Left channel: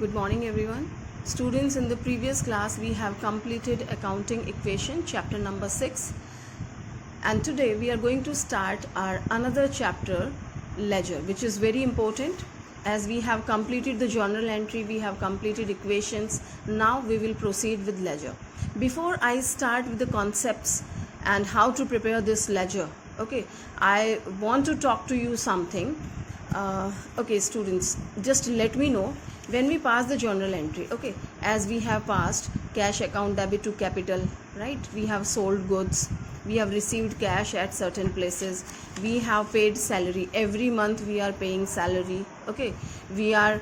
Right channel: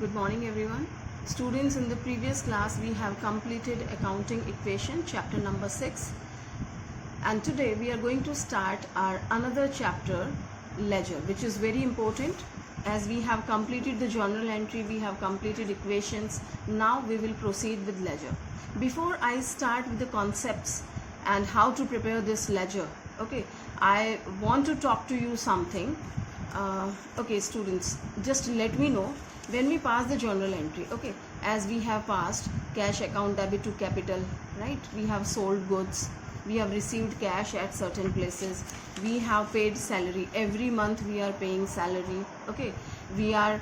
Good morning everyone. Students, in the previous class we have completed accounting equation chapter number 6, and today we are going to start our another chapter, ledger, which is very important. As we have completed the journal entry, we have completed equations, now we will proceed with ledger. Before I start with the concepts and how to prepare this ledger, okay, I want to talk to you something. Okay students, just let me know when we pass the journal entry. Okay, as we have passed cash account debit to capital, right? We have sold goods, we have received cash at certain places, we have paid salary every month, we are paying salary. Okay, we are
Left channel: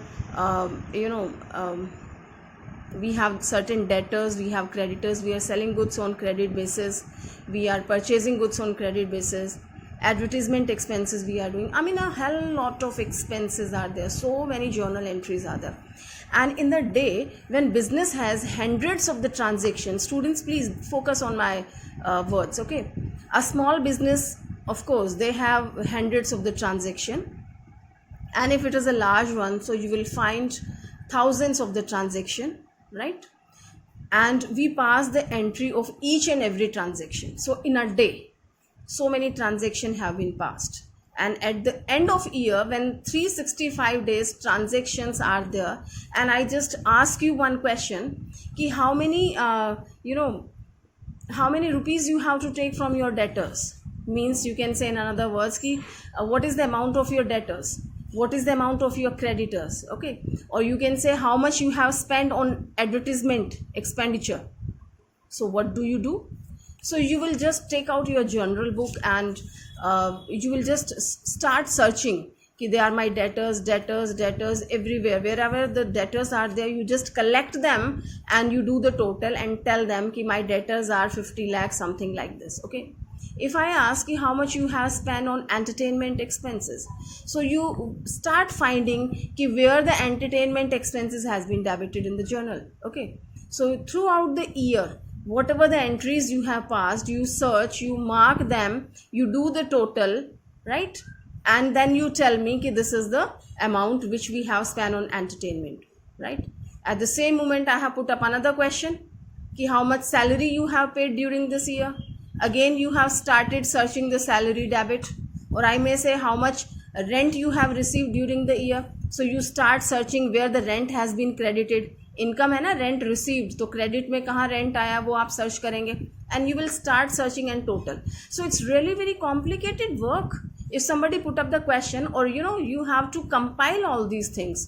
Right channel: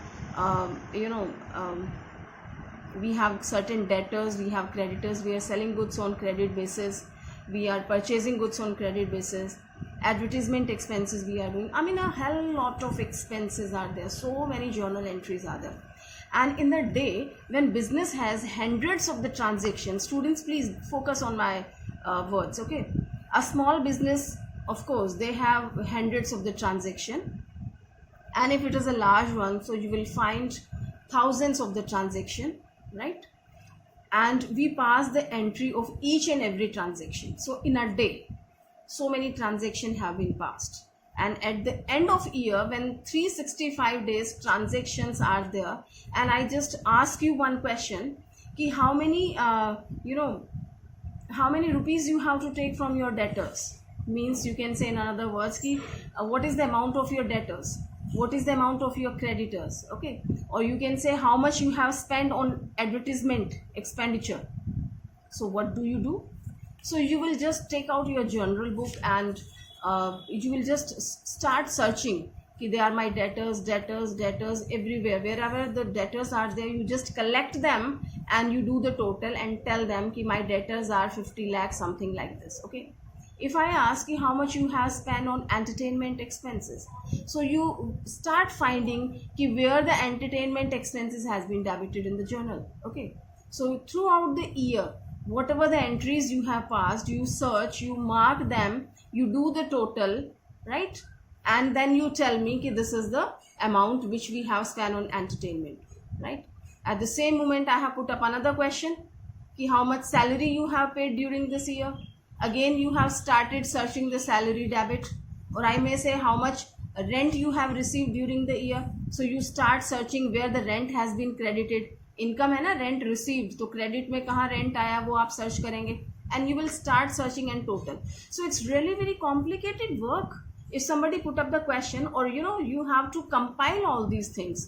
we have certain debtors, we have creditors, we are selling goods on credit basis, we are purchasing goods on credit basis, advertisement expenses we are doing. I mean, a hell lot of expenses are there, so many journal entries are there. And in the day when business has hundreds of the transactions, students please focus on my words. Okay, a small business, of course, they have hundreds of the transaction, and if it is a large one, so you will find thousands of the transaction, right? And we pass the entry of each and every transaction. So in a day, so many transactions have been passed, and at the end of year when 365 days transactions are there, and I just ask you one question, ki how many how many rupees you have to take from your debtors. Means you can say in other words ki what is the amount of your debtors, what is the amount of your creditors. Okay, or you can say how much you have spent on advertisement expenditure. So what do? So you will just take out your journal book, and you will just start searching ki they are my debtors everywhere. Wherever the debtors are there, you just collect them and you do the total and tell them ki my debtors are 50 lakhs, something like this. Okay, if I ask you how much you have spent on entertainment expenses, so you start finding ki where the entertainment expenses has been debited in the journal. Okay, so throughout the year, whatever the entries you have passed, you search, you mark them, you do the total, right? And then you tell me ki this is the amount which we have spent on entertainment, right? At the same moment, I have put up another question ki how much salary you have paid during this year. Again, you have started searching the salary debit, or I may say how much rent you have received during the year. So you start searching where the rent has been credited. Income है ना, rent received, तो credit में कहाँ rent आया वो आप search करेंगे, and you will start searching and total. So it's really very complicated work if somebody put up the question, or you have to compile all these things.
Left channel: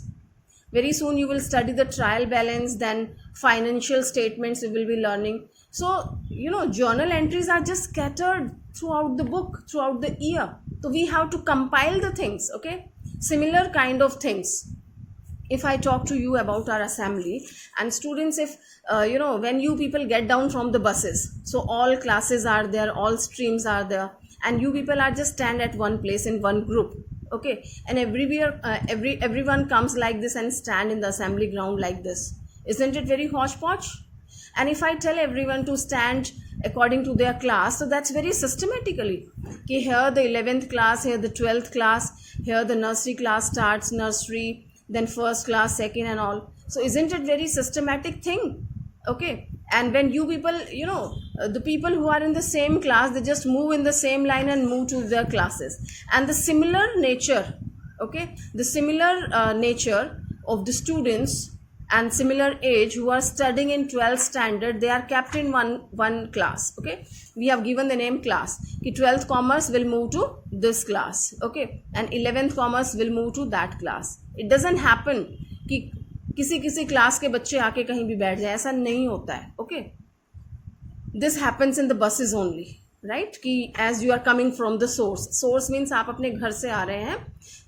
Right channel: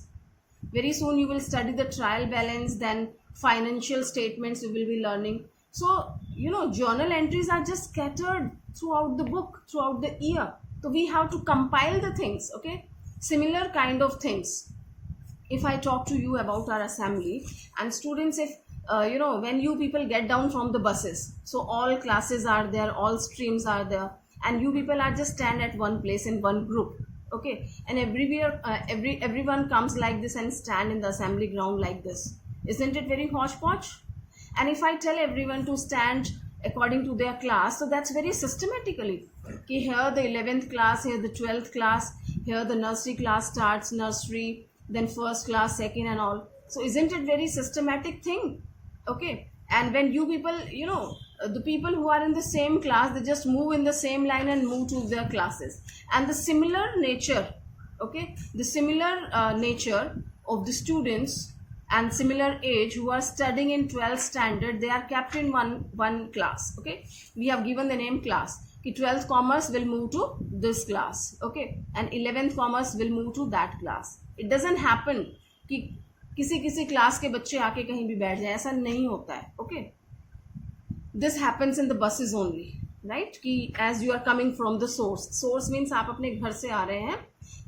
Very soon you will study the trial balance, then financial statements you will be learning. So journal entries are just scattered throughout the book, throughout the year, so we have to compile the things. Okay, similar kind of things if I talk to you about our assembly. And students, if when you people get down from the buses, so all classes are there, all streams are there, and you people are just stand at one place in one group. Okay, and everyone comes like this and stand in the assembly ground like this. Isn't it very hodgepodge? And if I tell everyone to stand according to their class, so that's very systematically okay, here the 11th class, here the 12th class, here the nursery class starts, nursery, then first class, second, and all. So isn't it very systematic thing? Okay, and when you people, the people who are in the same class, they just move in the same line and move to their classes. And the similar nature, okay, the similar nature of the students and similar age who are studying in 12th standard, they are kept in one class. Okay, we have given the name class ki 12th commerce will move to this class. Okay, and 11th commerce will move to that class. It doesn't happen कि किसी class के बच्चे आके कहीं भी बैठ जाए, ऐसा नहीं होता है. Okay, this happens in the buses only, right? कि as you are coming from the source means आप अपने घर से आ रहे हैं,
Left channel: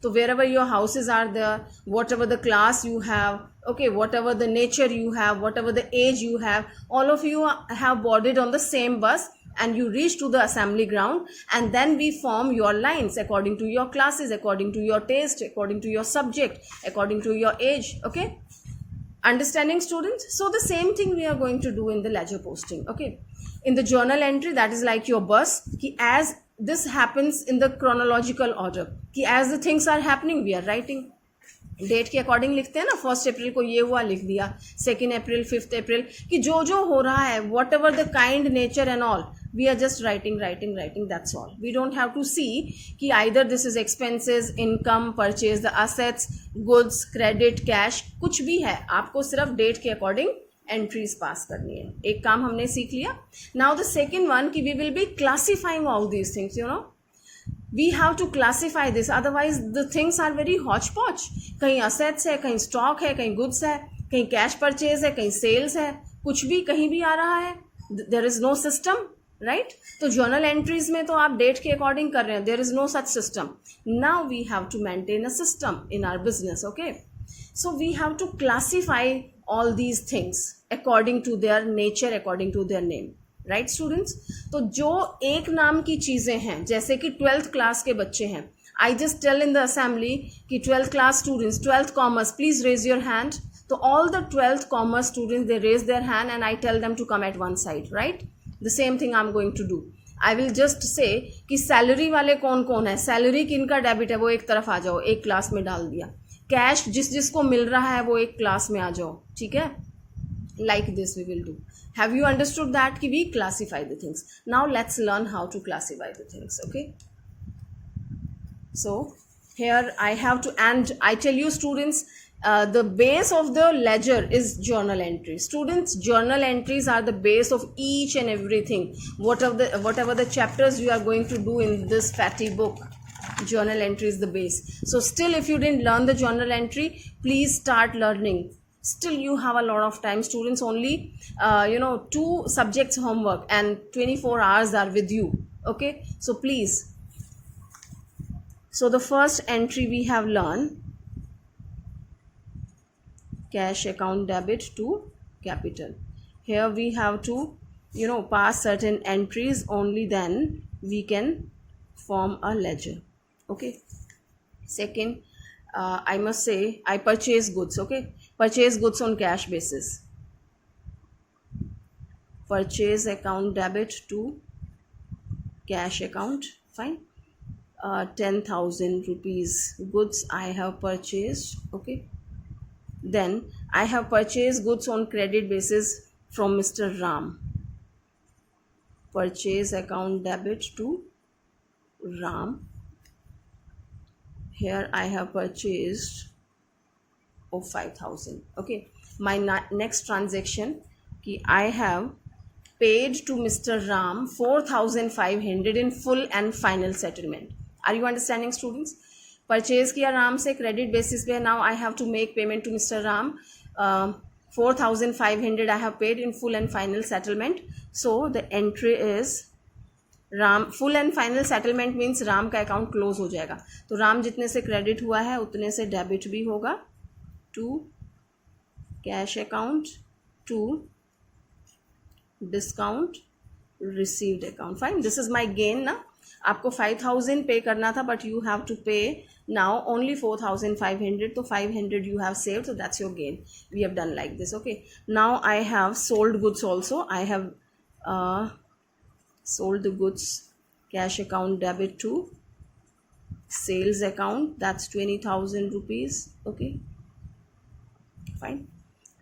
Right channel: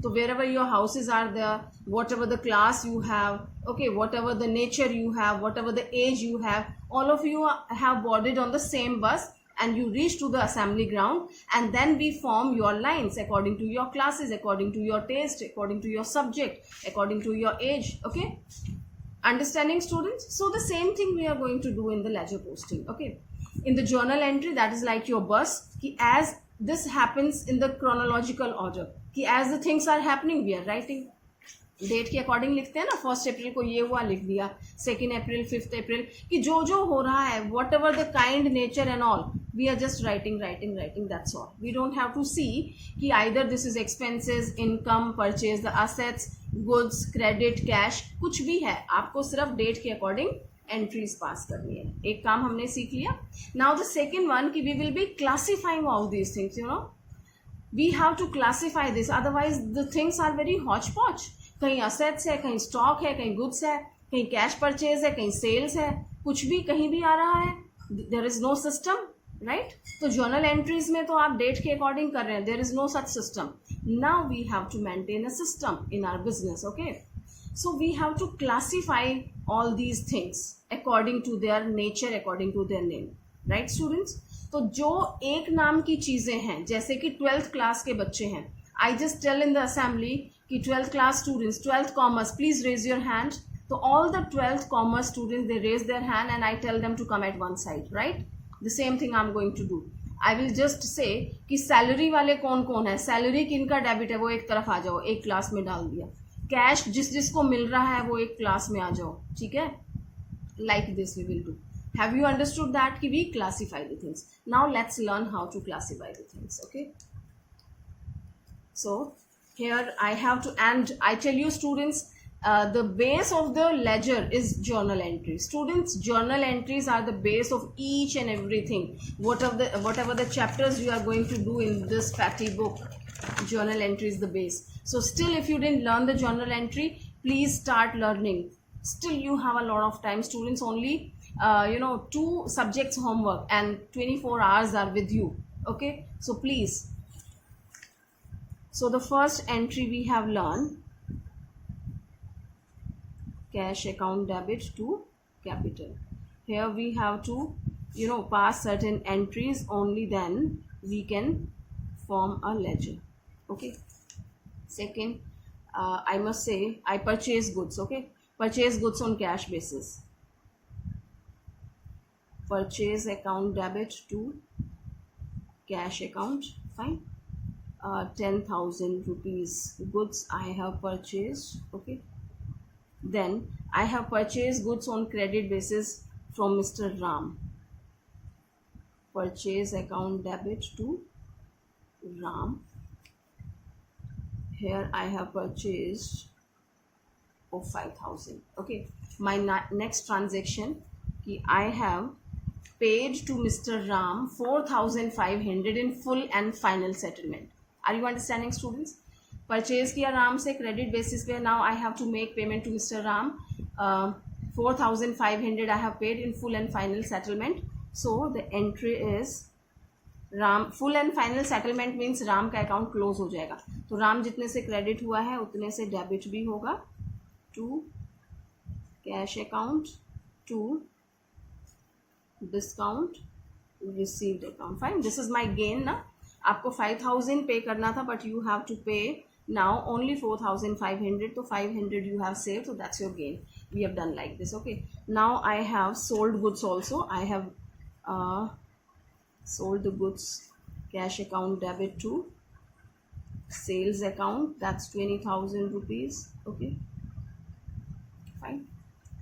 तो wherever your houses are there, whatever the class you have, okay, whatever the nature you have, whatever the age you have, all of you have boarded on the same bus, and you reach to the assembly ground, and then we form your lines according to your classes, according to your taste, according to your subject, according to your age. Okay, understanding, students? So the same thing we are going to do in the ledger posting. Okay, in the journal entry, that is like your bus, ki as this happens in the chronological order, ki as the things are happening, we are writing. Date के according लिखते हैं ना, 1 अप्रैल को ये हुआ लिख दिया, 2 अप्रैल, 5 अप्रैल, कि जो जो हो रहा है, whatever the kind, nature and all, we are just writing writing writing, that's all. We don't have to see कि either this is expenses, income, purchase the assets, goods, credit, cash, कुछ भी है, आपको सिर्फ date के according entries pass करनी है. एक काम हमने सीख लिया. नाउ द सेकेंड वन कि we will be classifying all these things, you know, we have to classify this, otherwise the things are very hodgepodge. कहीं assets है, कहीं stock है, कहीं goods है, कहीं cash purchase है, कहीं sales है, कुछ भी कहीं भी आ रहा है. there is no system, right? तो journal entries में तो आप date के according कर रहे हैं, there is no such system. Now we have to maintain a system in our business, okay? So we have to classify all these things according to their nature, according to their name. Right students. तो जो एक नाम की चीज़ें हैं, जैसे कि 12th class के बच्चे हैं, I just tell in the assembly कि 12th class students, 12th commerce, please raise your hand. तो all the 12th commerce students, they raise their hand and I tell them to come at one side, right? The same thing I am going to do. I will just say कि salary वाले कौन कौन है, salary किनका debit है वो एक तरफ आ जाओ, एक क्लास में डाल दिया. कैश जिस जिसको मिल रहा है वो एक क्लास में आ जाओ, ठीक है? Like this we will do. Have you understood that ki we classify the things? Now let's learn how to classify the things, okay? So here I have to, and I tell you students, the base of the ledger is journal entries. Students, journal entries are the base of each and everything. Whatever the chapters you are going to do in this fatty book, journal entry is the base. So still if you didn't learn the journal entry, please start learning. Still you have a lot of time, students. Only 2 subjects homework and 24 hours are with you, okay? So please, so the first entry we have learned, cash account debit to capital. Here we have to pass certain entries, only then we can form a ledger, okay? Second, I must say I purchase goods, okay? Purchase goods on cash basis. Purchase account debit to cash account, fine. 10,000 rupees goods I have purchased, okay? Then I have purchased goods on credit basis from Mr. Ram. Purchase account debit to Ram. Here I have purchased of 5,000, okay? My next transaction ki I have paid to Mr. Ram 4,500 in full and final settlement. Are you understanding, students? Purchase kiya Ram se, credit basis pe. Now I have to make payment to Mr. Ram. 4,500 I have paid in full and final settlement. So the entry is Ram. Full and final settlement means Ram का account close हो जाएगा. तो राम जितने से credit हुआ है उतने से डेबिट भी होगा to cash account to discount received account. Fine, this is my gain ना. आपको 5,000 पे करना था but you have to pay now only 4,500. तो 500 you have saved, so that's your gain. We have done like this, okay? Now I have sold goods also. I have sold the goods, cash account debit to sales account, that's 20,000 rupees, okay, fine.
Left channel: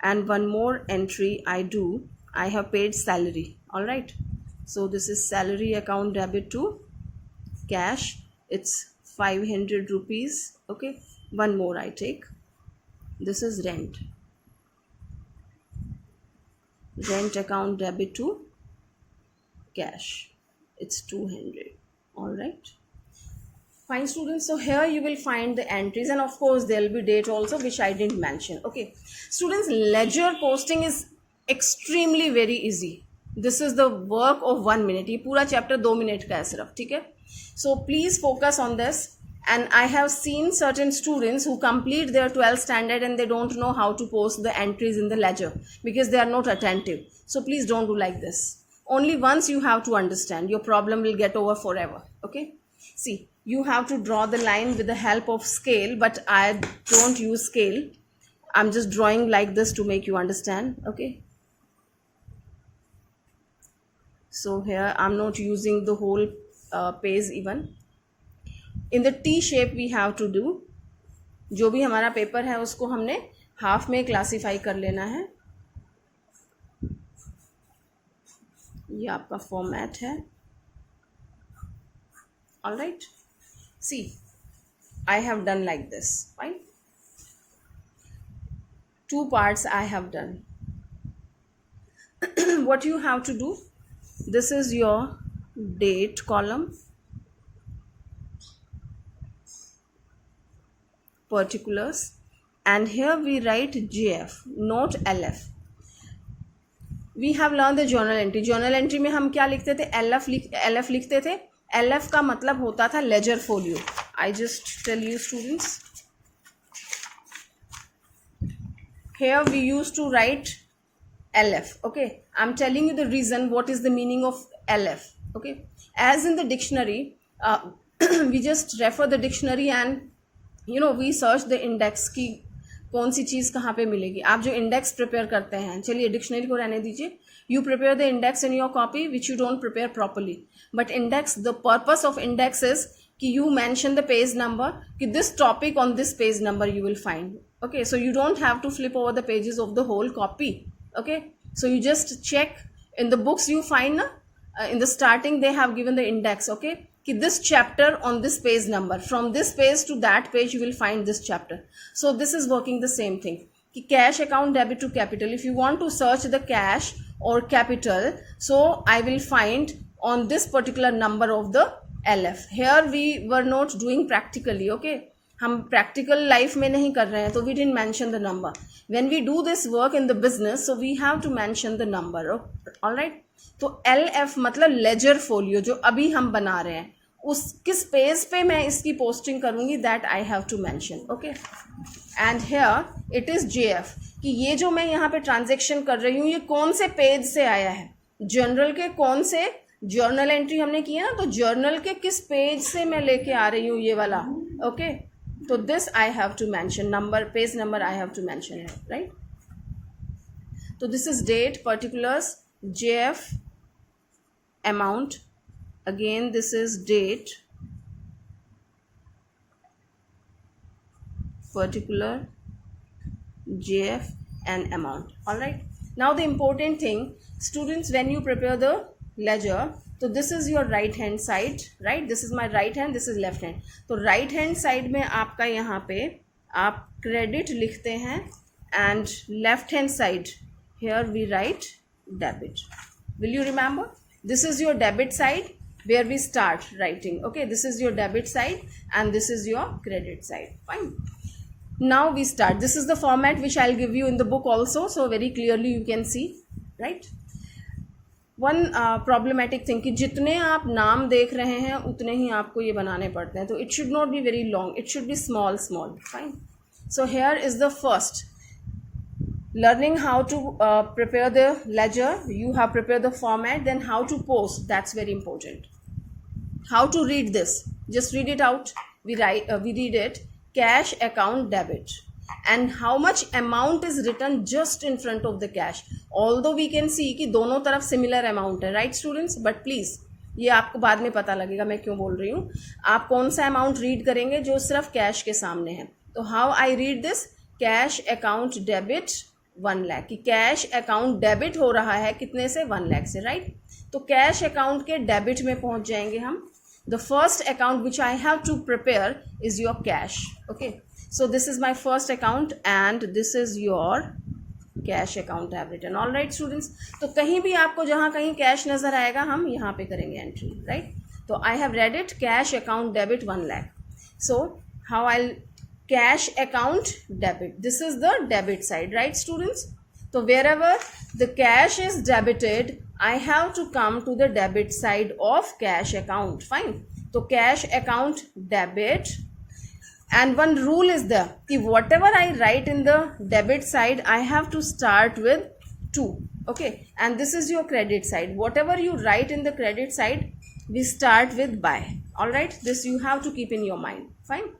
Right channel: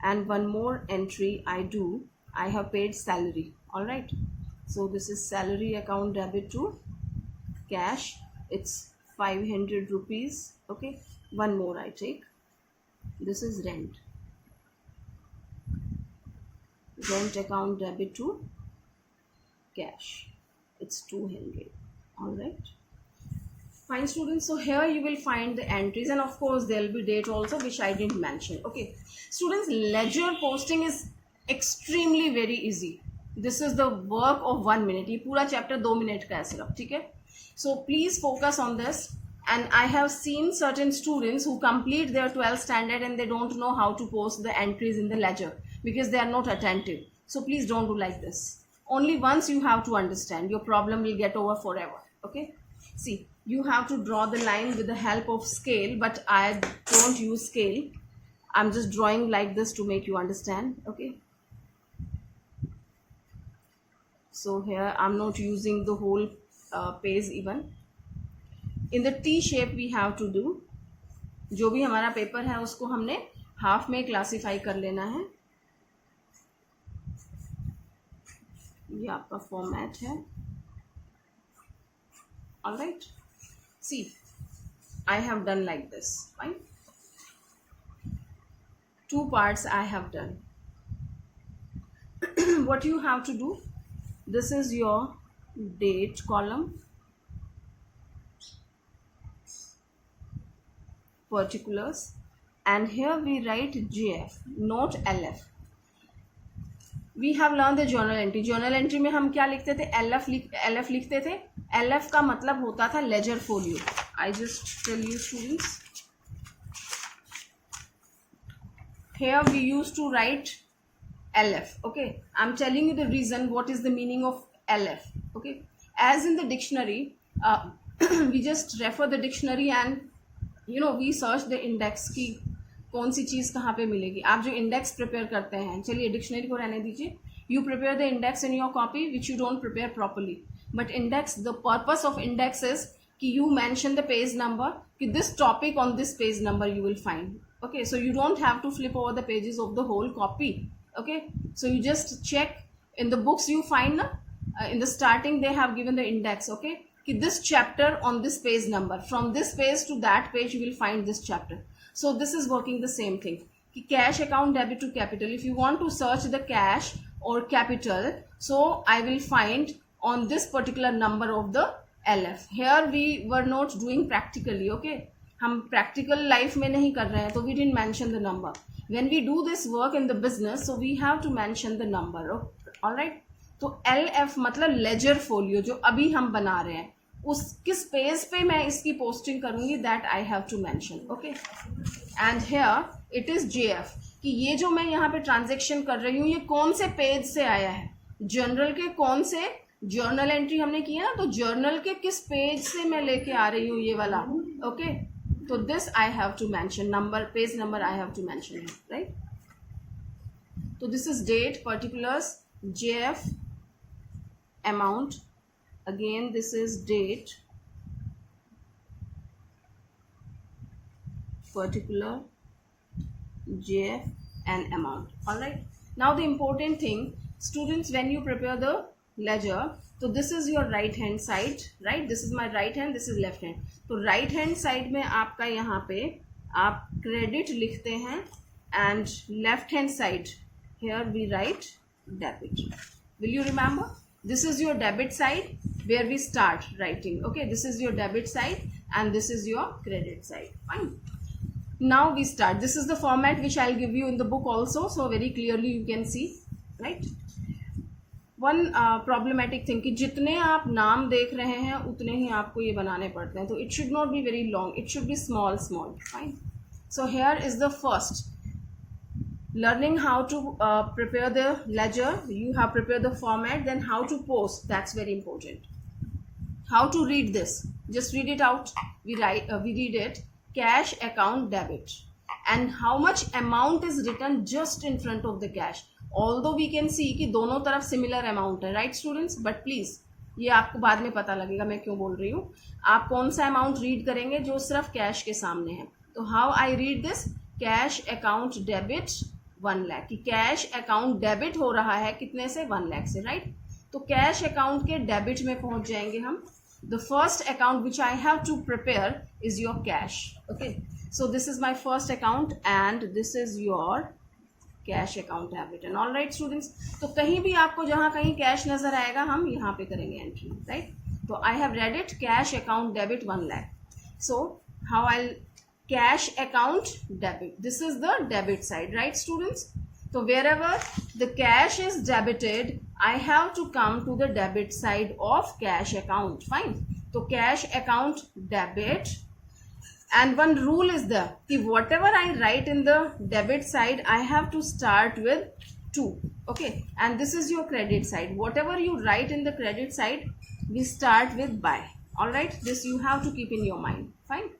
And one more entry I do, I have paid salary, all right? So this is salary account debit to cash, it's 500 rupees, okay. One more I take, this is rent account debit to cash, it's 200, all right? Fine, students. So here you will find the entries, and of course there will be date also, which I didn't mention, okay? Students, ledger posting is extremely very easy. This is the work of 1 minute. ये पूरा chapter 2 minute का है सिर्फ, ठीक है? So please focus on this. And I have seen certain students who complete their 12th standard and they don't know how to post the entries in the ledger because they are not attentive. So please don't do like this. Only once you have to understand, your problem will get over forever, okay? See, you have to draw the line with the help of scale, but I don't use scale. I'm just drawing like this to make you understand, okay? So here I'm not using the whole page even. In the T shape we have to do जो भी हमारा paper है उसको हमने half में classify कर लेना है। ये आपका फॉर्मेट है। Alright, see I have done like this, fine. 2 parts I have done. What you have to do, this is your date column, particulars, and here we write JF, not LF. We have learned the journal entry. Journal entry में हम क्या लिखते थे? LF लिखते थे। LF का मतलब होता था ledger folio. I just tell you students, here we used to write LF. Okay, I'm telling you the reason what is the meaning of LF. Okay, as in the dictionary, we just refer the dictionary and we search the index की कौन सी चीज़ कहाँ पे मिलेगी। आप जो index prepare करते हैं, चलिए डिक्शनरी को रहने दीजिए, you prepare the index in your copy which you don't prepare properly, but index, the purpose of index is कि you mention the page number, कि this topic on this page number you will find. Okay, so you don't have to flip over the pages of the whole copy. Okay, so you just check in the books you find, in the starting they have given the index. Okay, कि this chapter on this page number, from this page to that page you will find this chapter. So this is working the same thing, कि cash account debit to capital, if you want to search the cash or capital, so I will find on this particular number of the LF. Here we were not doing practically. Okay, हम practical life में नहीं कर रहे हैं, तो we didn't mention the number. When we do this work in the business, so we have to mention the number. All right, तो LF मतलब ledger folio जो अभी हम बना रहे हैं, उस किस पेज पे मैं इसकी पोस्टिंग करूंगी, that I have to mention. Okay, and here it is JF, कि ये जो मैं यहाँ पे ट्रांजेक्शन कर रही हूँ ये कौन से पेज से आया है, जर्नल के कौन से, जर्नल एंट्री हमने किया ना, तो जर्नल के किस पेज से मैं लेके आ रही हूँ ये वाला। ओके, तो this I have to mention, number, page number I have to mention है, राइट। तो this is date, particulars, JF, amount, again this is date, particular, JF and amount. All right, now the important thing, students, when you prepare the ledger, तो this is your right hand side, right, this is my right hand, this is left hand. तो right hand side में आपका यहाँ पे आप credit लिखते हैं and left hand side here we write debit. Will you remember, this is your debit side where we start writing. Okay, this is your debit side and this is your credit side. Fine, now we start. This is the format which I'll give you in the book also, so very clearly you can see, right. One problematic thing कि जितने आप नाम देख रहे हैं उतने ही आपको ये बनाने पड़ते हैं, तो it should not be very long, it should be small small, fine. So here is the first learning how to prepare the ledger. You have prepared the format, then how to post, that's very important. How to read this, just read it out. We read it, cash account debit, and how much amount is written just in front of the cash. Although we can see कि दोनों तरफ similar amount है, right students, but please ये आपको बाद में पता लगेगा मैं क्यों बोल रही हूँ. आप कौन सा अमाउंट रीड करेंगे जो सिर्फ कैश के सामने है. तो how I read this, cash account debit 1 lakh, कि कैश अकाउंट डेबिट हो रहा है कितने से, 1 लाख से, राइट. तो कैश अकाउंट के डेबिट में पहुंच जाएंगे हम. The first account which I have to prepare is your cash. Okay, so this is my first account and this is your cash account have written. All right students, तो कहीं भी आपको जहाँ कहीं कैश नजर आएगा हम यहाँ पे करेंगे एंट्री, राइट. तो I have read it, cash account debit 1 lakh. So how I, cash account debit, this is the debit side, right students. So wherever the cash is debited, I have to come to the debit side of cash account. Fine, so cash account debit, and one rule is there, if whatever I write in the debit side I have to start with 2. Okay, and this is your credit side, whatever you write in the credit side we start with by. All right, this you have to keep in your mind. Fine.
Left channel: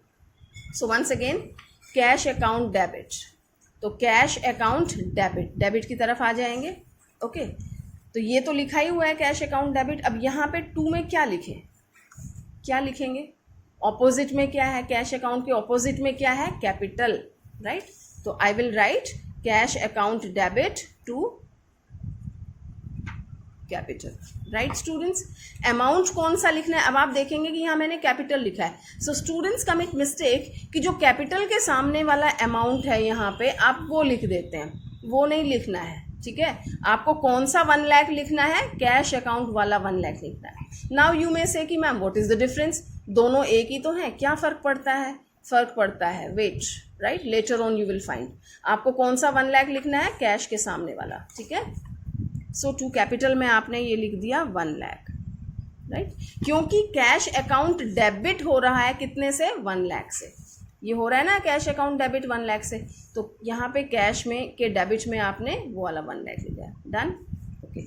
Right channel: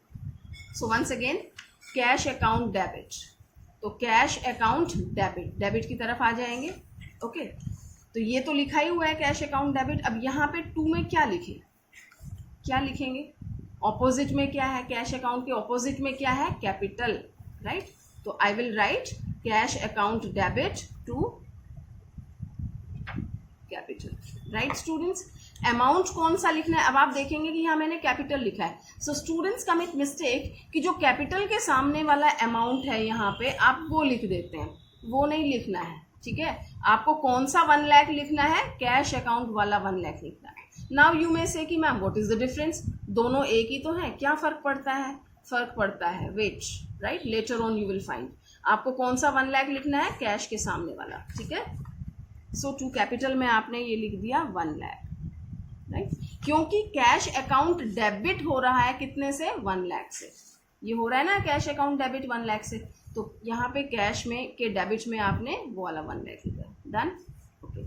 So once again, cash account debit, तो cash account debit, debit की तरफ आ जाएंगे. Okay, तो ये तो लिखा ही हुआ है कैश अकाउंट डेबिट. अब यहाँ पे 2 में क्या लिखे, क्या लिखेंगे, ऑपोजिट में क्या है, कैश अकाउंट के ऑपोजिट में क्या है, कैपिटल, राइट. तो I will write cash account debit to capital, right students. Amount कौन सा लिखना है, अब आप देखेंगे कि यहाँ मैंने कैपिटल लिखा है. सो स्टूडेंट्स कमिट मिस्टेक कि जो कैपिटल के सामने वाला अमाउंट है यहाँ पे आप वो लिख देते हैं, वो नहीं लिखना है, ठीक है. आपको कौन सा 1 लाख लिखना है, कैश अकाउंट वाला 1 लाख लिखना है. नाउ यू मे से कि ma'am what is the difference, दोनों एक ही तो हैं, क्या फर्क पड़ता है, फर्क पड़ता है wait, right. Later on you will find. आपको कौन सा 1 लाख लिखना है, कैश के सामने वाला, ठीक है. सो टू कैपिटल में आपने ये लिख दिया 1 लाख, राइट. क्योंकि कैश अकाउंट डेबिट हो रहा है कितने से, 1 लाख से. ये हो रहा है ना कैश अकाउंट डेबिट 1 लाख से, तो यहाँ पे कैश में के डेबिट में आपने वो वाला 1 लाख लिखा. डन. ओके.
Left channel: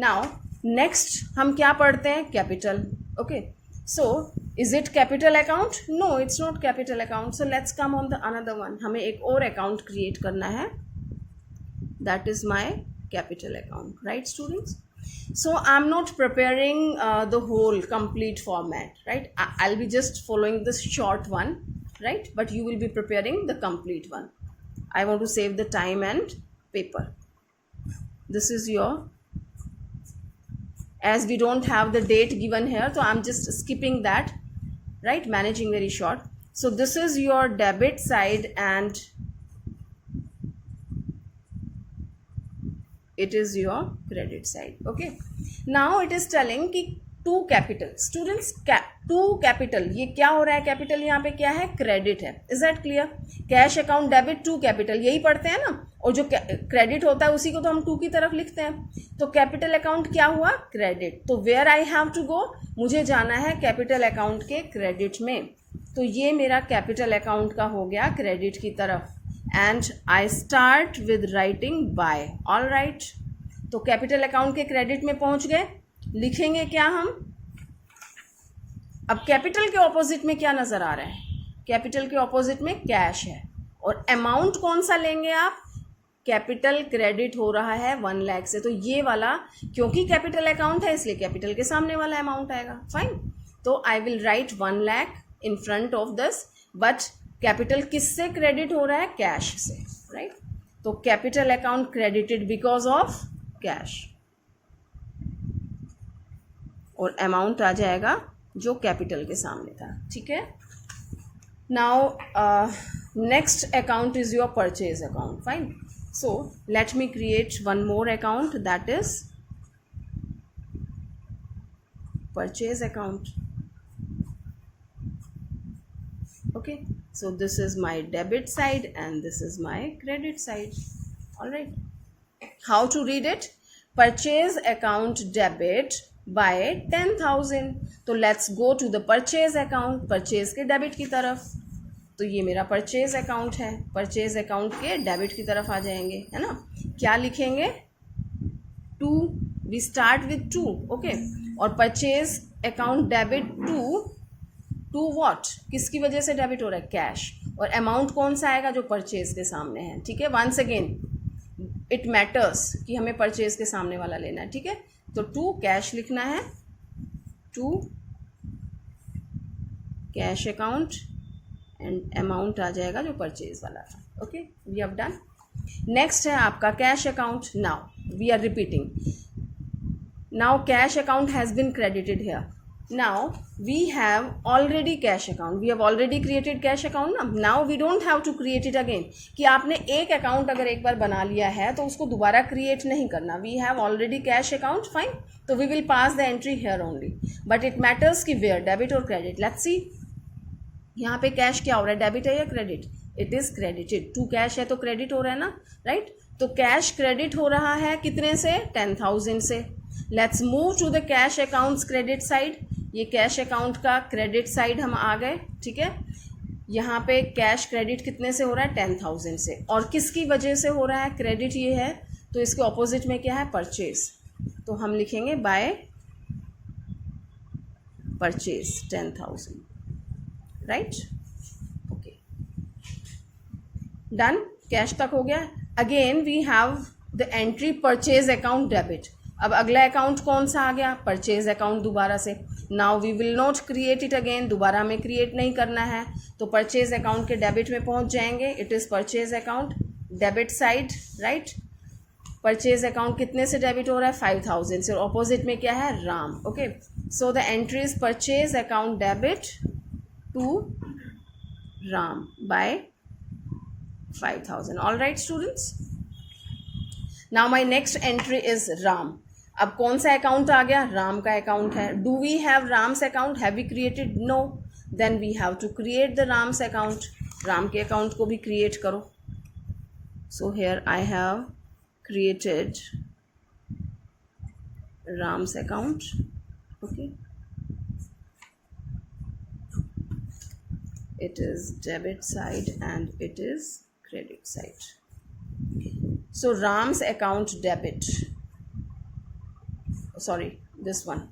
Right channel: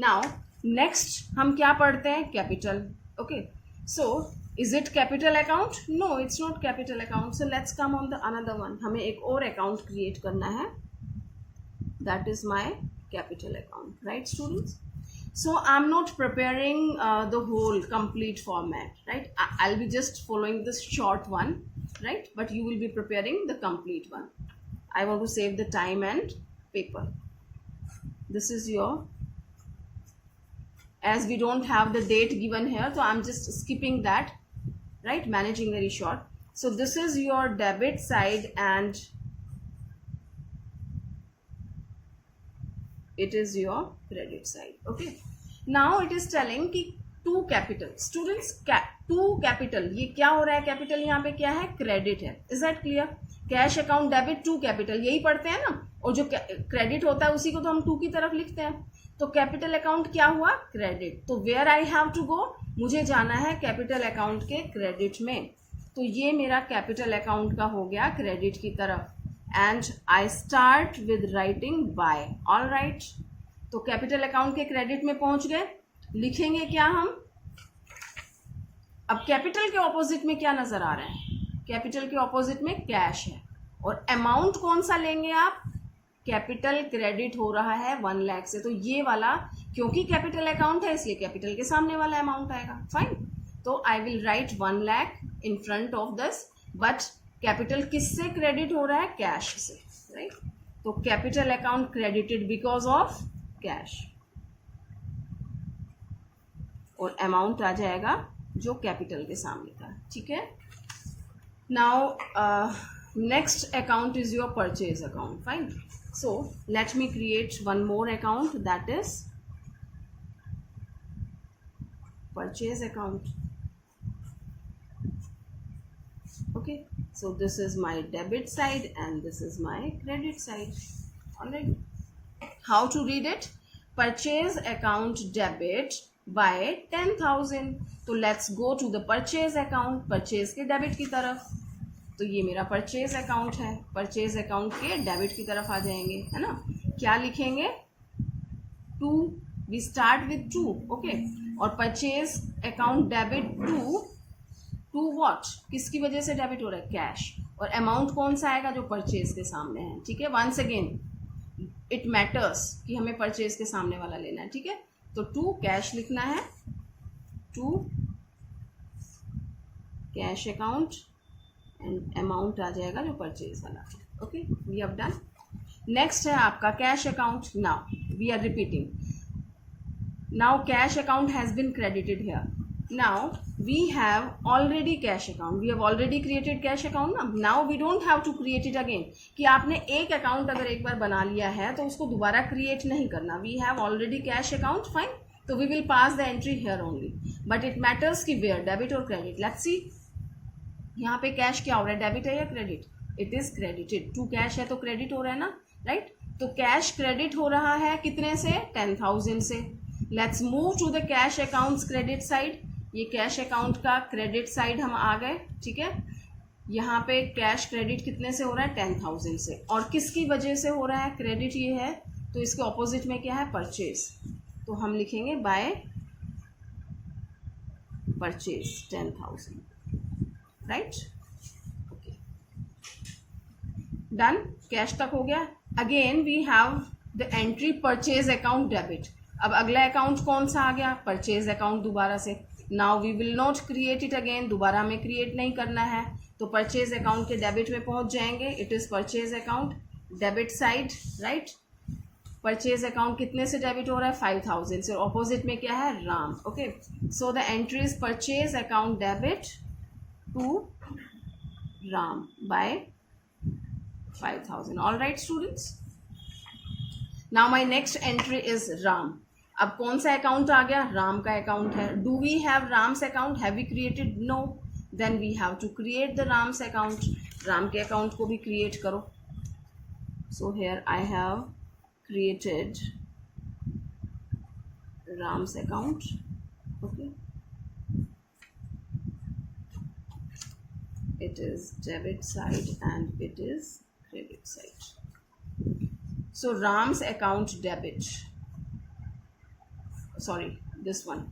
नाउ नेक्स्ट हम क्या पढ़ते हैं, capital. Okay. So is it capital account, no it's not capital account. So let's come on the another one. हमें एक और अकाउंट क्रिएट करना है, that is my capital account, right students. So I'm not preparing the whole complete format, right. I'll be just following this short one, right, but you will be preparing the complete one. I want to save the time and paper. This is your, as we don't have the date given here, so I'm just skipping that, right, managing very short. So this is your debit side and it is your credit side. Okay, now it is telling कि to capital. Students to capital, ये क्या हो रहा है, capital यहाँ पे क्या है, क्रेडिट है. Is that clear. Cash account debit to capital, यही पढ़ते हैं ना, और जो क्रेडिट होता है उसी को तो हम टू की तरफ लिखते हैं. तो कैपिटल अकाउंट क्या हुआ, क्रेडिट. तो where I have to go, मुझे जाना है कैपिटल अकाउंट के क्रेडिट में. तो ये मेरा कैपिटल अकाउंट का हो गया क्रेडिट की तरफ. And I start with writing by. All right. तो कैपिटल अकाउंट के क्रेडिट में पहुंच गए. लिखेंगे क्या हम, अब कैपिटल के ऑपोजिट में क्या नजर आ रहा है, कैपिटल के ऑपोजिट में कैश है. और अमाउंट कौन सा लेंगे आप, कैपिटल क्रेडिट हो रहा है 1 लाख से, तो ये वाला क्योंकि कैपिटल अकाउंट है इसलिए कैपिटल के सामने वाला अमाउंट आएगा. फाइन. तो I will right 1 lakh in front of this, but capital किससे क्रेडिट हो रहा है, कैश से, राइट. तो capital account credited because of cash, और अमाउंट आ जाएगा जो कैपिटल के सामने था. ठीक है. Now next account is your purchase account. Fine. So let me create one more account, that is purchase account. Okay, so this is my debit side and this is my credit side. All right. How to read it? Purchase account debit by 10,000. तो let's go to the purchase account. Purchase के debit की तरफ. तो ये मेरा purchase account है. Purchase account के debit की तरफ आ जाएंगे, है ना. क्या लिखेंगे, 2. We start with 2. Okay. और purchase account debit to what, किसकी वजह से डेबिट हो रहा है, कैश. और अमाउंट कौन सा आएगा, जो परचेज के सामने है. ठीक है. वंस अगेन इट मैटर्स कि हमें परचेज के सामने वाला लेना है. ठीक है. तो 2 कैश लिखना है, 2 कैश अकाउंट एंड अमाउंट आ जाएगा जो परचेज वाला है. Okay, we have done. Next है आपका cash account. Now we are repeating. Now cash account has been credited here. Now we have already cash account. We have already created cash account. Now we don't have to create it again. कि आपने एक account अगर एक बार बना लिया है तो उसको दोबारा क्रिएट नहीं करना. We have already cash account. Fine. तो we will pass the entry here only. But it matters कि where, debit or credit. Let's see. यहाँ पे कैश क्या हो रहा है, डेबिट है या credit. It is credited. 2 cash है तो क्रेडिट हो रहा है ना, राइट. तो कैश क्रेडिट हो रहा है कितने से, 10,000 से. Let's move to the cash accounts credit side. ये कैश अकाउंट का क्रेडिट साइड हम आ गए. ठीक है. यहाँ पे कैश क्रेडिट कितने से हो रहा है, 10,000 से. और किसकी वजह से हो रहा है, क्रेडिट ये है, तो इसके ऑपोजिट में क्या है, परचेज. तो हम लिखेंगे by purchase 10,000. Right. Okay, done. Cash तक हो गया. Again we have the entry purchase account debit. अब अगला अकाउंट कौन सा आ गया, परचेज अकाउंट दोबारा से. Now we will not create it again, दोबारा हमें क्रिएट नहीं करना है. तो परचेज अकाउंट के डेबिट में पहुंच जाएंगे. It is purchase account debit side, right. Purchase account कितने से डेबिट हो रहा है, 5000 से. ऑपोजिट में क्या है, Ram. Okay, so the entry is purchase account debit to Ram by 5000. All right students. Now my next entry is Ram. अब कौन सा अकाउंट आ गया, राम का अकाउंट है. Do we have Ram's account, have we created, no. Then we have to create the Ram's account. Ram के account को भी क्रिएट करो. So here I have created Ram's account. Okay, it is debit side and it is credit side. Okay. So Ram's account debit, sorry, this one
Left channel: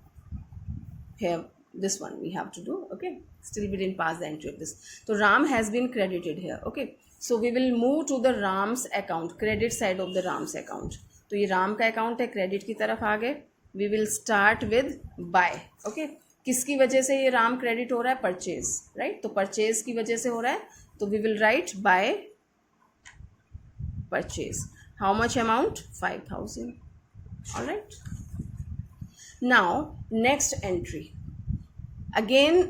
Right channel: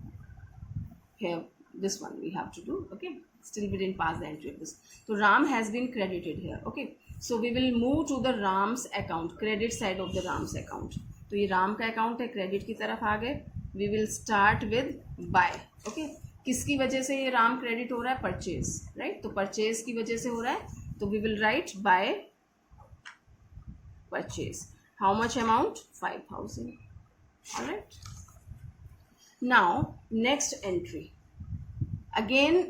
here, this one we have to do. Okay, still we didn't pass the entry of this. So Ram has been credited here. Okay, so we will move to the Ram's account, credit side of the Ram's account. तो ये राम का account है, credit की तरफ आ गए. We will start with by. Okay, किसकी वजह से ये राम क्रेडिट हो रहा है, परचेज, राइट. तो परचेज की वजह से हो रहा है, तो we will write by purchase. How much amount, 5000. Alright. Now next entry again.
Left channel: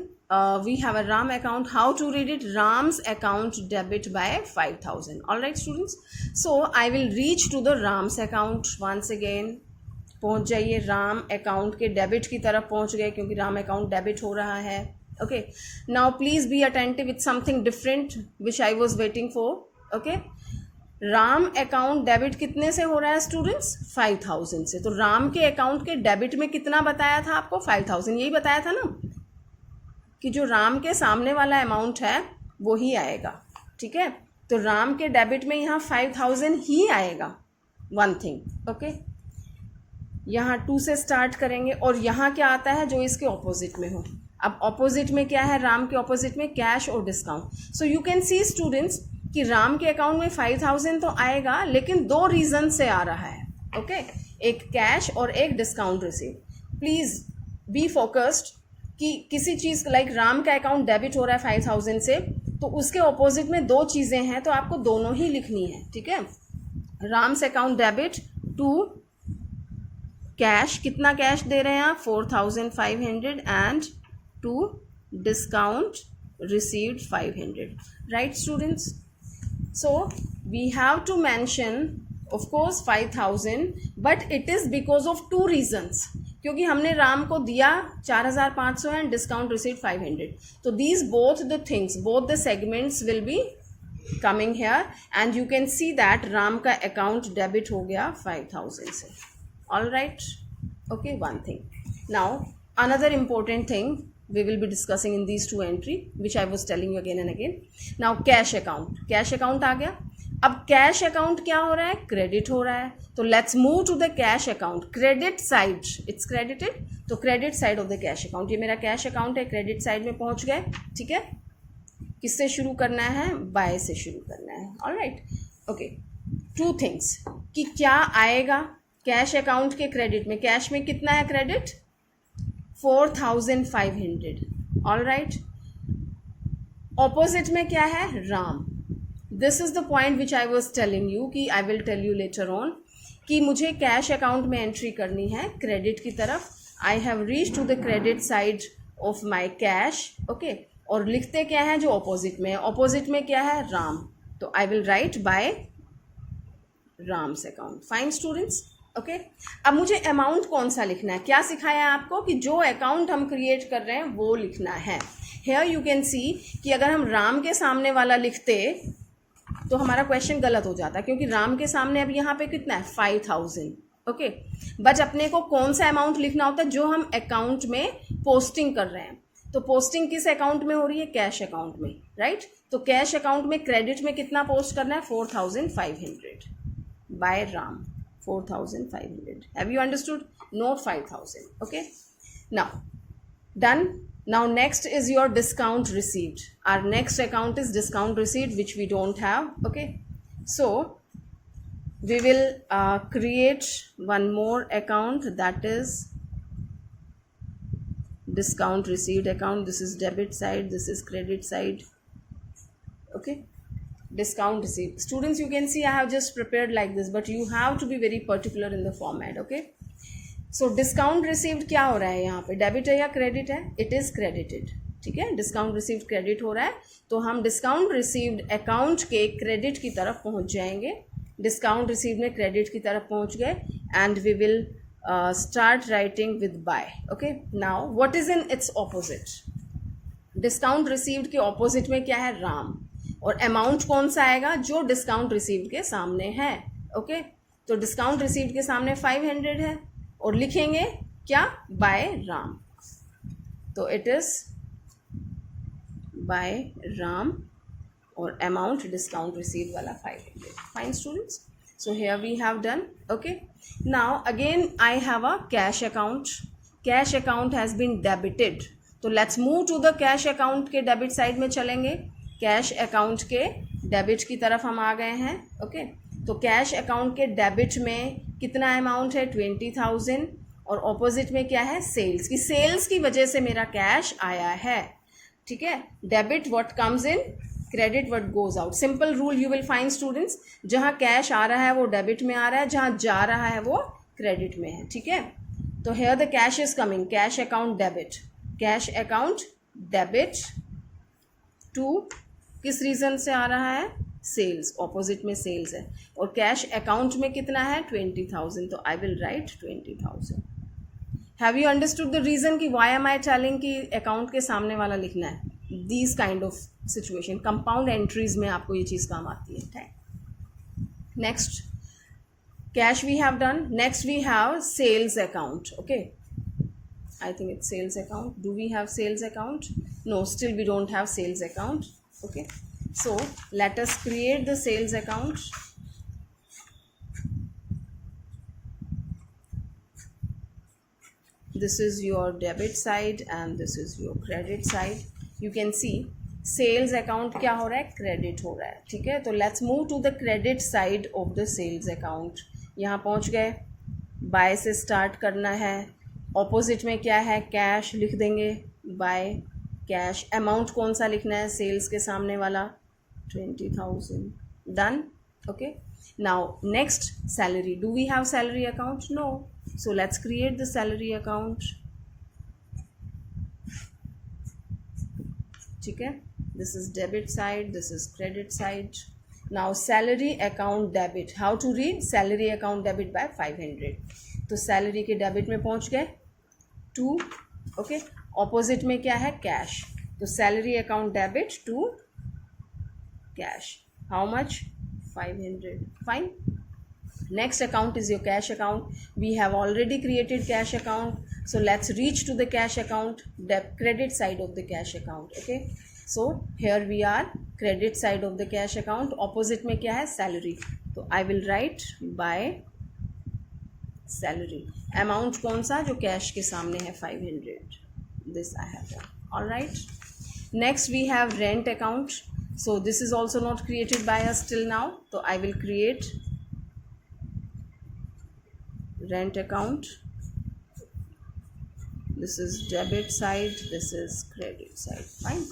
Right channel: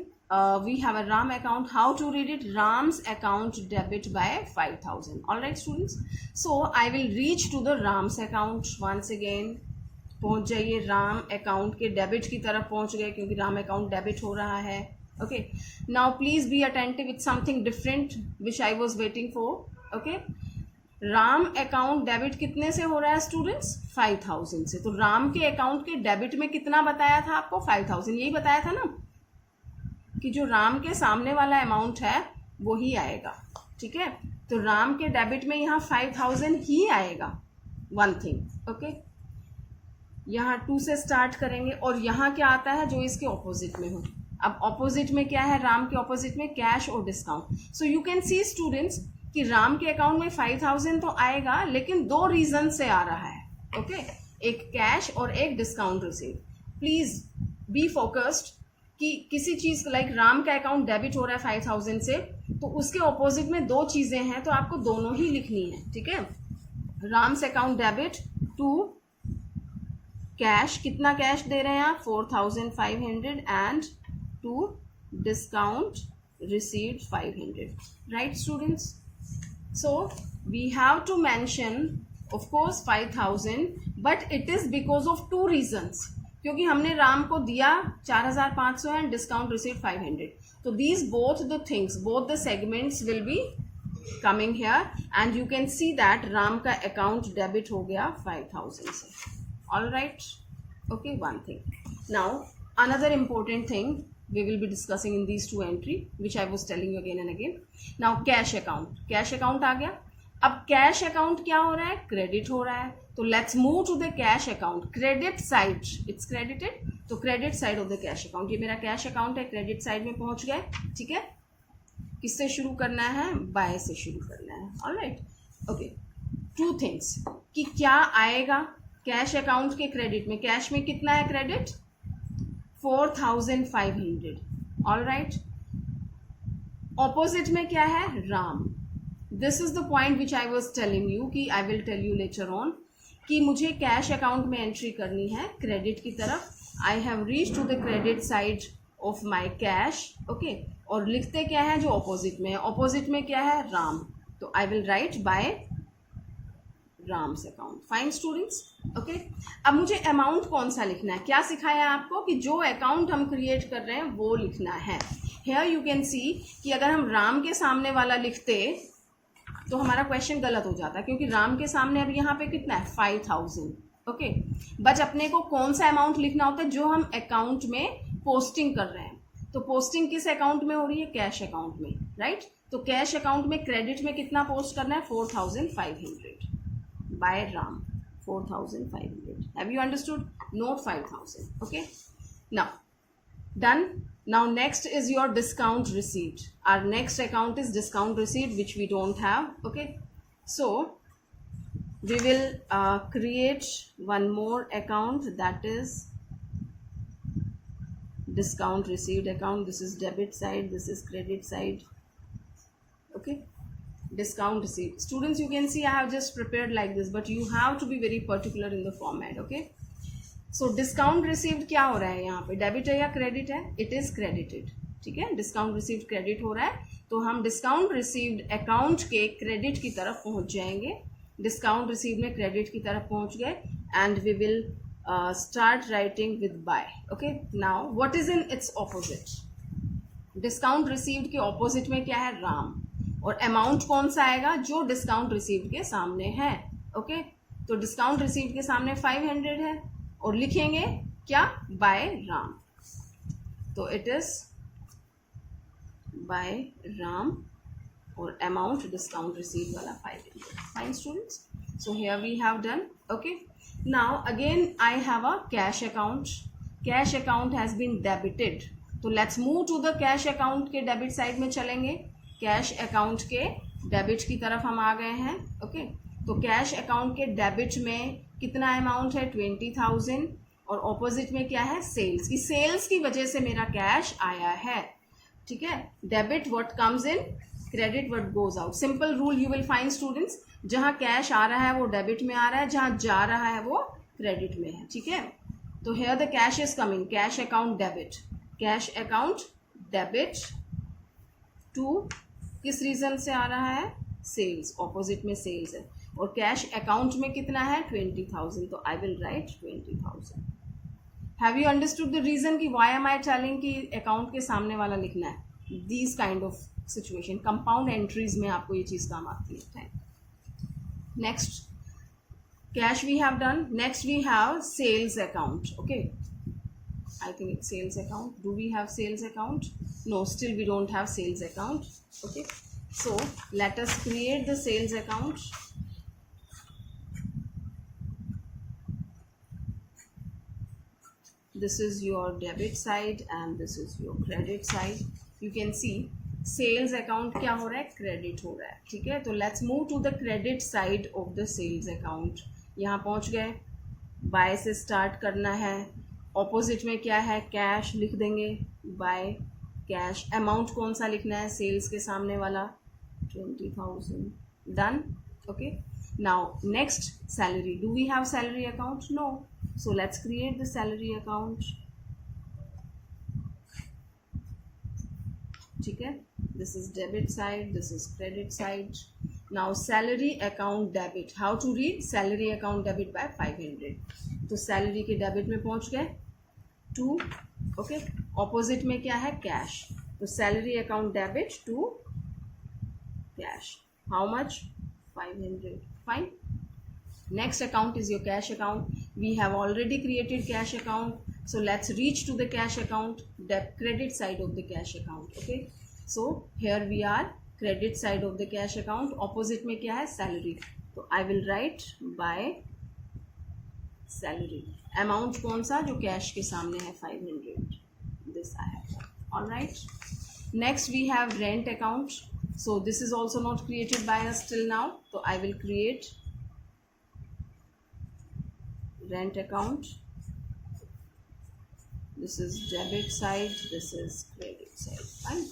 We have a Ram account. How to read it, Ram's account debit by 5000. All right students, so I will reach to the Ram's account once again. पहुंच जाइए, Ram account के debit की तरफ पहुंच गए क्योंकि Ram account debit हो रहा है. Okay, now please be attentive with something different which I was waiting for. Okay, Ram account debit कितने से हो रहा है स्टूडेंट्स, 5000 से. तो राम के अकाउंट के डेबिट में कितना बताया था आपको, 5000. यही बताया था ना कि जो राम के सामने वाला अमाउंट है वो ही आएगा. ठीक है, तो राम के डेबिट में यहाँ 5000 ही आएगा. One thing. ओके, यहाँ 2 से स्टार्ट करेंगे और यहाँ क्या आता है जो इसके ऑपोजिट में हो. अब ऑपोजिट में क्या है, राम के ऑपोजिट में कैश और discount. So you can C students कि राम के अकाउंट में 5000 तो आएगा लेकिन 2 रीजन से आ रहा है. ओके, एक कैश और एक discount receive. Please be focused कि किसी चीज़ लाइक राम का अकाउंट डेबिट हो रहा है 5000 से, तो उसके ऑपोजिट में 2 चीज़ें हैं तो आपको दोनों ही लिखनी है. ठीक है, Ram's account debit to cash, कितना कैश दे रहे हैं आप, 4500, and to discount received 500. Right students, so we have to mention of course 5000, but it is because of 2 reasons. क्योंकि हमने राम को दिया 4500 एंड डिस्काउंट रिसीव 500. तो these both the things, both the segments will be coming here and you can see that Ram का account debit हो गया 5000 से. All right. Okay, one thing. Now another important thing we will be discussing in these 2 entry which I was telling you again and again. Now cash account, cash account आ गया. अब cash account क्या हो रहा है, credit हो रहा है. तो let's move to the cash account, credit side. It's credited, तो credit side of the cash account. ये मेरा कैश अकाउंट है, क्रेडिट साइड में पहुंच गए. ठीक है, किससे शुरू करना है, बाय से शुरू करना है. ऑलराइट. ओके, 2 थिंग्स कि क्या आएगा कैश अकाउंट के क्रेडिट में. कैश में कितना है क्रेडिट, 4500. ऑलराइट. ऑपोजिट में क्या है, Ram. This is the point which I was telling you कि I will tell you later on कि मुझे कैश अकाउंट में एंट्री करनी है क्रेडिट की तरफ. I have reach to the credit side of my cash. Okay, और लिखते क्या है जो ऑपोजिट में है. ऑपोजिट में क्या है, राम. तो I will write by Ram's account. Fine students. Okay, अब मुझे अमाउंट कौन सा लिखना है, क्या सिखाया है आपको कि जो अकाउंट हम क्रिएट कर रहे हैं वो लिखना है. हेयर यू कैन सी कि अगर हम राम के सामने वाला लिखते तो हमारा क्वेश्चन गलत हो जाता क्योंकि राम के सामने अब यहाँ पे कितना है, 5000. ओके, बट अपने को कौन सा अमाउंट लिखना होता है जो हम अकाउंट में पोस्टिंग कर रहे हैं. तो पोस्टिंग किस अकाउंट में हो रही है, कैश अकाउंट में. राइट. तो कैश अकाउंट में क्रेडिट में कितना पोस्ट करना है, 4500 bye Ram. 4500. Have you understood? Note 5000. Okay. Now, done. Now next is your discount received. Our next account is discount received, which we don't have. Okay. So we will create one more account, that is discount received account. This is debit side, this is credit side. Okay, discount received. Students, you can see I have just prepared like this, but you have to be very particular in the format. Okay, so discount received क्या हो रहा है यहाँ पे, debit है या credit है? It is credited. ठीक है, डिस्काउंट रिसीव्ड क्रेडिट हो रहा है, तो हम डिस्काउंट रिसीव्ड अकाउंट के क्रेडिट की तरफ पहुंच जाएंगे. डिस्काउंट रिसीव्ड में क्रेडिट की तरफ पहुंच गए, and we will start writing with by. Okay, now what is in its opposite? Discount received के ऑपोजिट में क्या है? राम. और अमाउंट कौन सा आएगा? जो डिस्काउंट रिसीव्ड के सामने है. ओके, तो डिस्काउंट रिसीव्ड के सामने 500 है, और लिखेंगे क्या? बाय राम. तो इट इज बाय राम, और अमाउंट डिस्काउंट रिसीव वाला 500. Fine students, so here we have done. Okay, now again I have a cash account. Cash account has been debited, तो let's move to the cash account के debit side में चलेंगे. Cash account के debit की तरफ हम आ गए हैं. ओके, तो कैश अकाउंट के डेबिट में कितना अमाउंट है? 20,000. और ऑपोजिट में क्या है? सेल्स. की सेल्स की वजह से मेरा कैश आया है. ठीक है, debit what comes in, credit what goes out. Simple rule you will find students, जहाँ कैश आ रहा है वो डेबिट में आ रहा है, जहाँ जा रहा है वो क्रेडिट में है. ठीक है, तो here the cash is coming, cash account debit, cash account debit to, किस रीजन से आ रहा है? सेल्स. ऑपोजिट में सेल्स है, और कैश अकाउंट में कितना है? 20,000. तो I will write 20,000. Have you understood the reason कि वाई एम आई टेलिंग कि अकाउंट के सामने वाला लिखना है? These kind of situation, compound entries में आपको ये चीज़ काम आती है. Next, cash we have done. Next we have sales account. Okay, I think it's sales account. Do we have sales account? No, still we don't have sales account. Okay, so let us create the sales account. This is your debit side and this is your credit side. You can see sales account क्या हो रहा है? credit हो रहा है. ठीक है, तो let's move to the credit side of the sales account. यहाँ पहुँच गए, buy से start करना है. ऑपोजिट में क्या है? कैश लिख देंगे, बाय कैश. अमाउंट कौन सा लिखना है? सेल्स के सामने वाला 20,000. Done. Okay, now next, salary. Do we have salary account? No, so let's create the salary account. ठीक है, this is debit side, this is credit side. Now salary account debit, how to read? Salary account debit by 500. तो salary के debit में पहुंच गए 2. Okay, opposite में क्या है? कैश. तो salary account debit to cash. How much? 500. Fine. Next account is your cash account. We have already created cash account, so let's reach to the cash account, credit side of the cash account. Okay, so here we are credit side of the cash account. Opposite में क्या है? Salary. तो I will write by salary. Amount कौन सा? जो cash के सामने है, 500. This I have done. Alright, next we have rent account. So this is also not created by us till now, तो I will create rent account. This is debit side, this is credit side. Fine.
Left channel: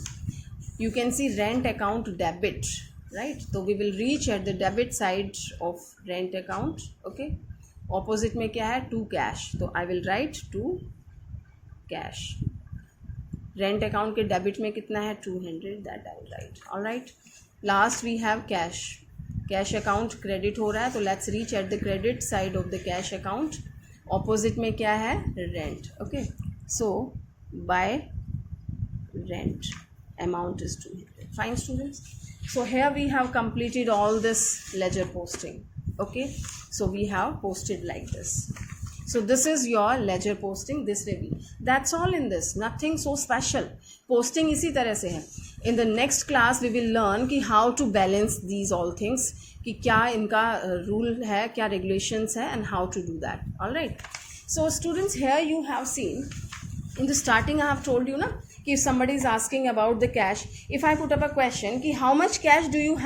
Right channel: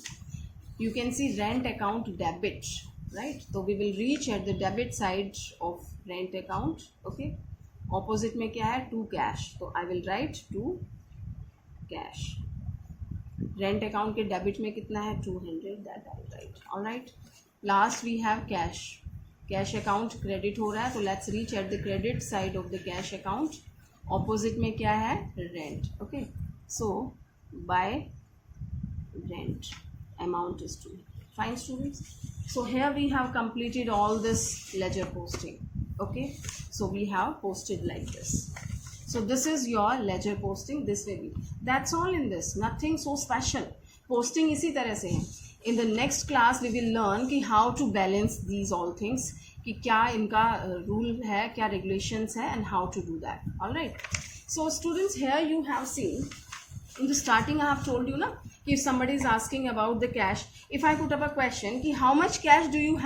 You can see rent account debit, right? तो we will reach at the debit side of rent account. Okay, opposite में क्या है? To cash. तो I will write to cash. Rent account के debit में कितना है? 200. That I will write. Alright, last we have cash. Cash account credit हो रहा है, तो let's reach at the credit side of the cash account. Opposite में क्या है? Rent. Okay, so by rent amount is 200. Fine students, so here we have completed all this ledger posting. Okay, so we have posted like this. So this is your ledger posting. This way be, that's all in this, nothing so special. Posting इसी तरह से है. In the next class we will learn कि how to balance these all things, कि क्या इनका rule है, क्या regulations है, and how to do that. All right, so students, here you have seen in the starting I have told you ना कि somebody is asking about the cash, if I put up a question कि how much cash do you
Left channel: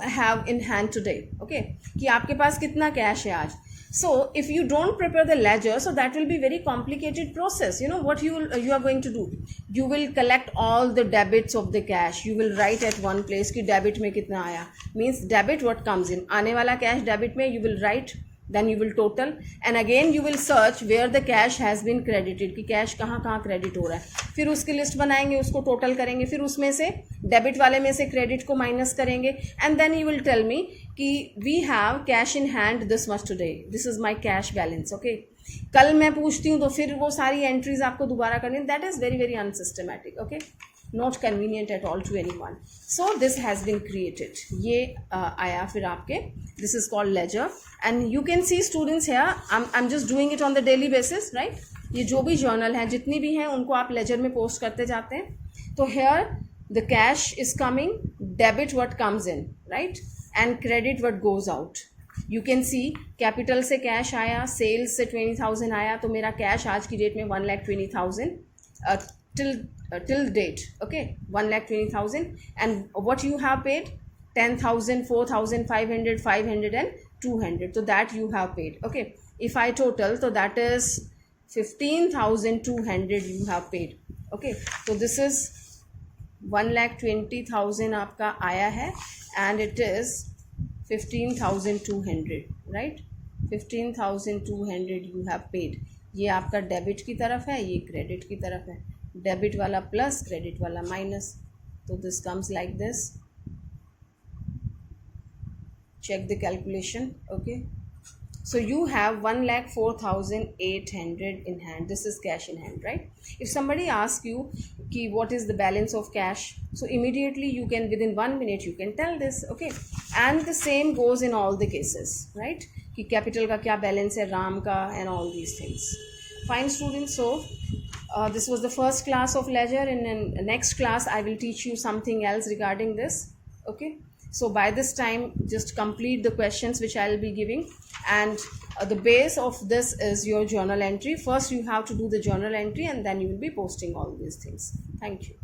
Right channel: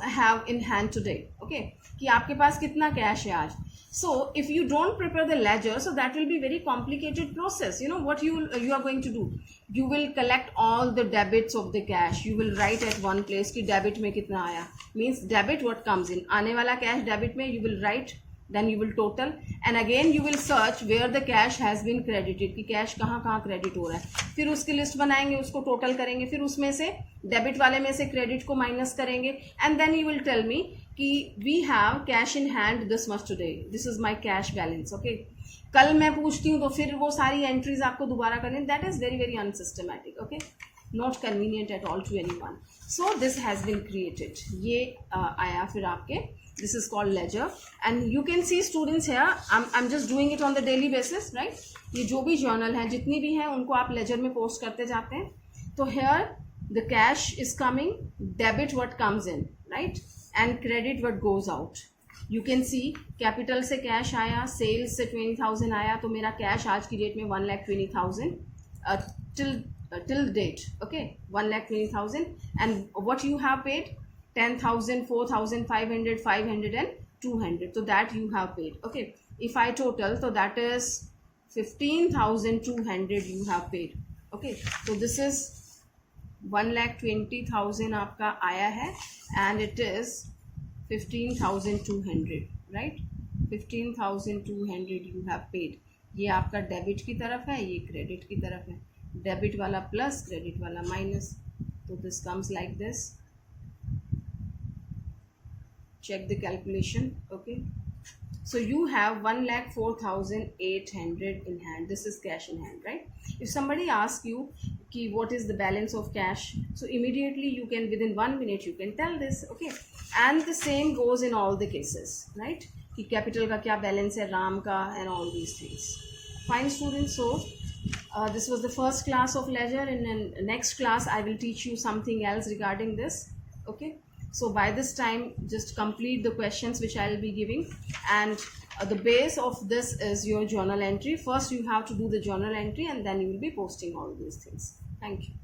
have in hand today, okay, कि आपके पास कितना cash है आज. So if you don't prepare the ledger, so that will be very complicated process. You know what you are going to do, you will collect all the debits of the cash, you will write at one place कि debit में कितना आया, means debit what comes in, आने वाला cash debit में you will write, then you will total, and again you will search where the cash has been credited, कि cash कहाँ कहाँ credit हो रहा है, फिर उसकी list बनाएंगे, उसको total करेंगे, फिर उसमें से debit वाले में से credit को minus करेंगे, and then you will tell me कि we have cash in hand this much today, this is my cash balance, okay. कल मैं पूछती हूँ तो फिर वो सारी entries आपको दोबारा करनी, that is very very unsystematic, okay, not convenient at all to anyone. So this has been created, ये आया फिर आपके, this is called ledger, and you can see students here, I'm just doing it on the daily basis, right. ये जो भी journal हैं जितनी भी हैं उनको आप ledger में post करते जाते हैं. तो here the cash is coming, debit what comes in, right, and credit what goes out. You can see capital से cash आया, sales से 20,000 आया, तो मेरा cash आज की date में 1,20,000 till date, okay, 1,20,000, and what you have paid 10,000, 4,500, 500 and 200, so that you have paid, okay. If I total, so that is 15,200 you have paid, okay. So this is 1,20,000 आपका आया है, and it is 15,200, right, 15,200 you have paid. ये आपका debit की तरफ है, ये credit की तरफ है, डेबिट वाला प्लस क्रेडिट वाला माइनस, तो this comes like this. check the calculation, okay. So you have 1,04,800 in hand, this is cash in hand, right. If somebody asks you ki what is the balance of cash, so immediately you can, within 1 minute you can tell this, okay. And the same goes in all the cases, right, ki capital ka kya balance hai, RAM ka, and all these things. Fine students, so this was the first class of ledger. In the next class I will teach you something else regarding this, okay. So by this time just complete the questions which I will be giving, and the base of this is your journal entry. First you have to do the journal entry, and then you will be posting all these things. Thank you.